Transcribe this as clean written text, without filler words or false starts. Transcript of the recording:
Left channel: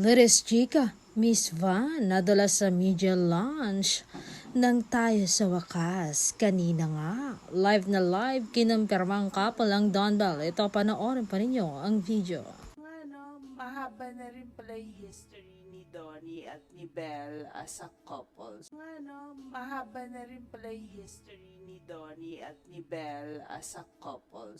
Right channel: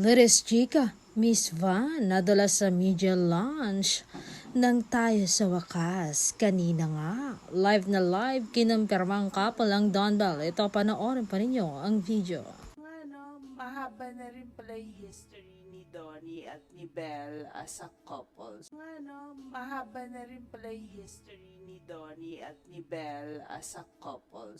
Latest chika, Miss Van, nadala sa media launch nang tayo sa wakas. Kanina nga, live kinumpirmang couple ang Don Bell. Ito, panoorin pa ninyo ang video. Mahaba na rin pala yung history ni Donnie at ni Belle as a couple. Mahaba na rin pala yung history ni Donnie at ni Belle as a couple.